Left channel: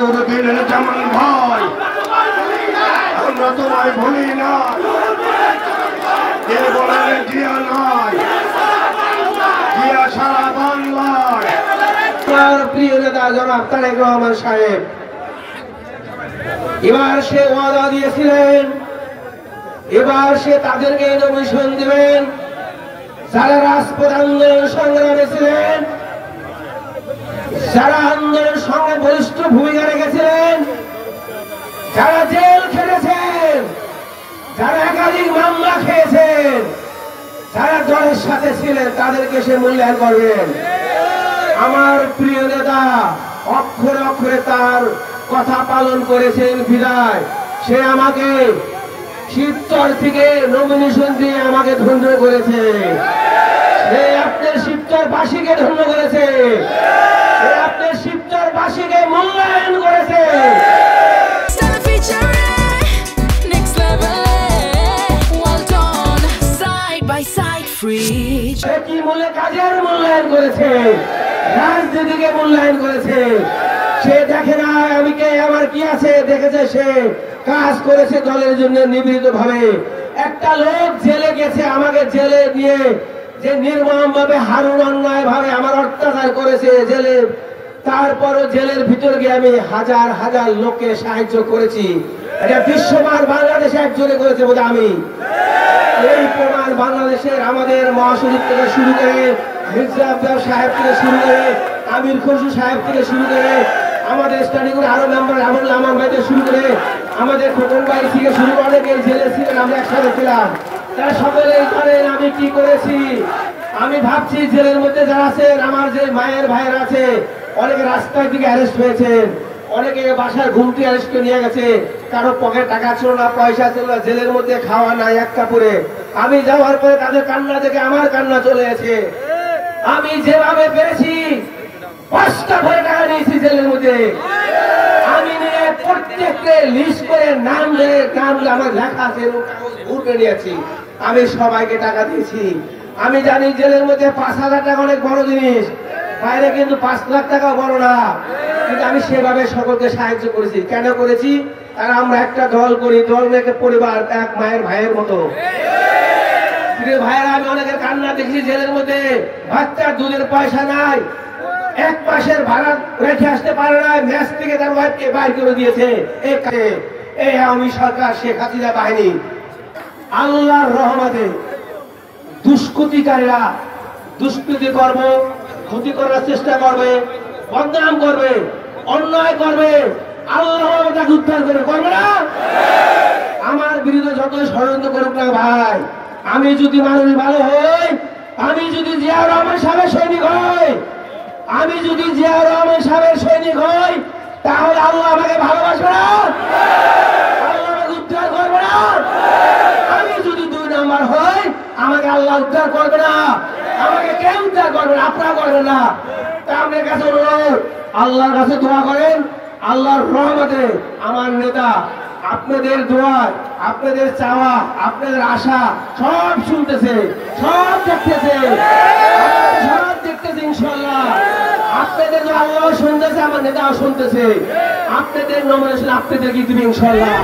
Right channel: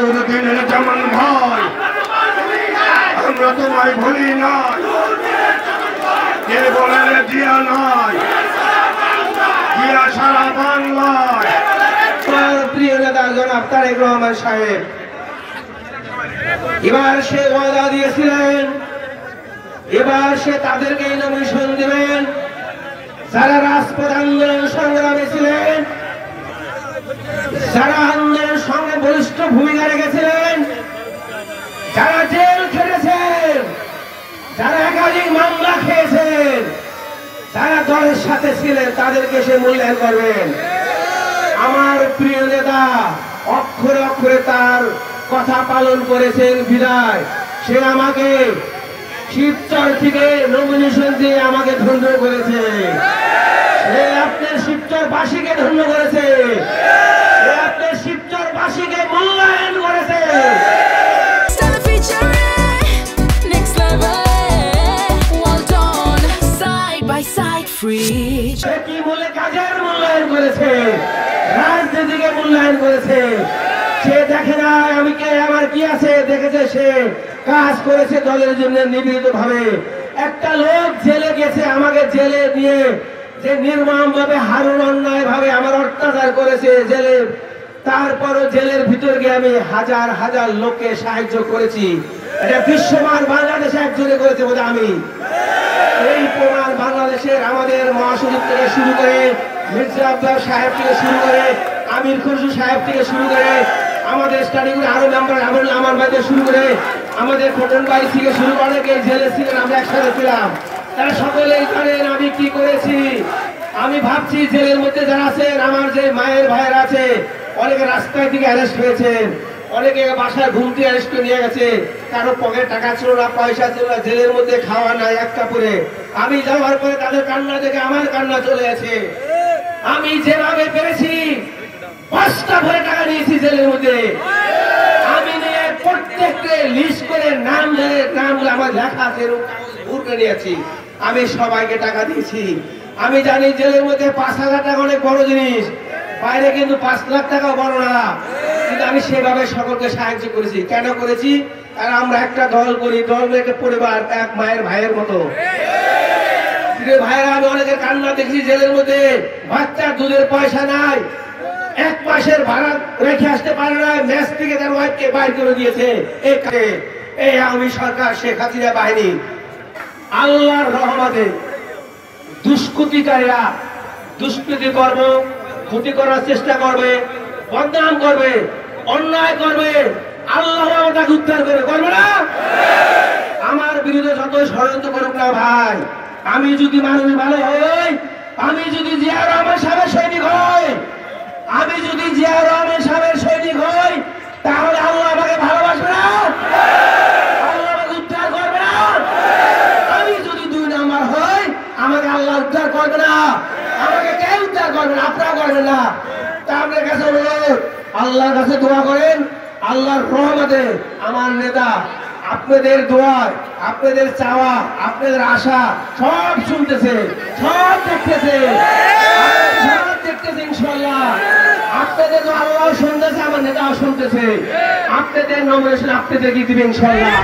নুরুদ্দিন জামান ভাই, আমরা তোমায় ভুলি নাই। কে বলেন জিয়া নাই, জিয়া সারা বাংলায়। প্রিয় নেতা জনাব তারেক রহমান সাহেব এবার সে ওয়াদা দিয়েছিলেন, এবার সে তাদেরকে নমিনেশন দিবেন যারা রাজপথ আন্দোলন সংগ্রামে ছিলেন, যারা আন্দোলন সঙ্গে বলিষ্ঠ ভূমিকা রেখেছিলেন, যারা জেল খেটেছেন, যারা একাধিক মামলা খেয়েছেন, যারা দলের সাথে ছিলেন, তাদেরকে সে মূল্যায়ন করবেন। আমার প্রিয় নেতা অক্ষরে অক্ষরে তার কথা পালন করেছেন বিদায় সে আমাকে শিবচর থেকে নমিনেশন দিয়ে আমাকে ধন্য করেছে। সে আপনার শিবচরবাসীকে ধন্য করেছে, সে আপনার শিবচরবাসীকে মূল্যায়ন করেছে। সে কি বলে কাজের মূল্যায়ন করেছে, রাজনীতিকে মূল্যায়ন করেছে। সে দেখে না আমি কে, আমার কি আছে, দেখেছে সে কাজ করেছে দলের জন্য নিবেদিত ভাবে। একটা লোক জেলে গেছে, আমাকে জেলে দিয়ে যে নির্মম ভাবে হারুন অন্যায় ভাবে আমার অত্যাচার করেছে জেলে, তারপরও জেলের ভিতর গিয়ে আমি হাজার হাজার লোককে সাহায্য করেছি। এটা বিশ্বমান বাংলাদেশে একজনে করেছে বোধ আমি। এই প্রমাণ বাংলাদেশের আমাদের মহাসচিব থেকে শুরু করে, মির্জা আব্বাস সাহেব থেকে শুরু করে, আমির খুরশি সাহেব থেকে শুরু করে, আমাদের স্টাডি করে আরো মেম্বার আবুল আমার ভাই থেকে শুরু করে, আমাদের খোকন ভাই থেকে শুরু করে অনেকে জেলে ছিলেন, আমরা একসাথে ছিলাম। তারা সকলেই জানেন আমি কি করেছি। আমি ভাবছি জেলের মধ্যে যারা আছেন, আমার যে মায়ের ভাইয়ের আছে, অনেকে রাস্তায় দিকে অ্যারেস্ট হয়েছেন, অনেকে বাসায় ঘুমটি অ্যারেস্ট করে নিয়ে গেছে, কারো পকেটে টাকা ছিল না, পয়সা ছিল না, জেলের মধ্যে খাওয়া নাই এক কাপড়ে। আমি যাওয়ার পরে তাদের কান্না দেখে আমার কান্না চলে গেছে। আমি যেভাবে পেরেছি 5টা ভরে টাকা নিয়েছি জেলের মধ্যে। আমি নিয়ে প্রত্যেককে লিস্ট করে নাম ধরে নামগুলো আমার লেখা আছে, ঘুরে নিয়েছি। আমি সবাইকে টাকা দিয়েছি। আমি জানি জেলের মধ্যে 5,000 টাকা অনেক বড় জিনিস, বাইরে কিন্তু 5 লাখ টাকা বড় না। কিন্তু আমি সেভাবে সকলকে সাহায্য করেছি। কেন করেছি? আর আমরা একটা দল করি, দল একটা পরিবার, এক মায়ের ভাইয়ের মতো। ভাইয়েরা, আমি অনেকের কান্না দেখছি জেলের মধ্যে, বাচ্চার দুধের পয়সা নাই, 1 মাসের ভাড়া রেখে আসতে পারে না, ম্যাচ থেকে তার ওয়াইফকে বাইর করে দিয়েছে। এই আওয়ামী সরকার, শেখ হাসিনা বাহিনী। আল্লাহর রহমতে দুষ্কৃতিকারীরা দুষ্কৃতি করবে, ক্ষতি করার চেষ্টা করবে, বদনাম করবে, অন্যায় করবে, আল্লাহ আমাদেরকে উদ্ধার করবে না। আমার বিরুদ্ধে যতই ষড়যন্ত্র করুক না ভাই, আমি যদি মানুষ ভালো হই, আমি যদি জিয়া রহমান সাহেবের সৈনিক হই, আমি যদি জিয়া রহমান সাহেবের সৈনিক হই, তাহলে আল্লাহ আমাকে ভালোবাসবে না, আল্লাহ আমাকে উদ্ধার করবে না। আমি যদি 2 নম্বর হই, আমাকে আল্লাহ উদ্ধার করবে না, আমাকে কেউ উদ্ধার করবে না, আপনারা করবেন না। তা আপনার কাছে আল্লাহর কাছে দোয়া করেন, আল্লাহর রহমতে আমার নেতা আপনাদের দোয়া, আপনাদের চাওয়া, আপনাদের আশা সব শুনতেছে, সব দেখতেছে, সব দেখতেছে। ইনশাআল্লাহ আপনাদের আল্লাহ শুনতেছে, আমার নেতাও শুনতেছে। আপনাদের নমিনেশন আপনাদেরকে দিবে ইনশাআল্লাহ।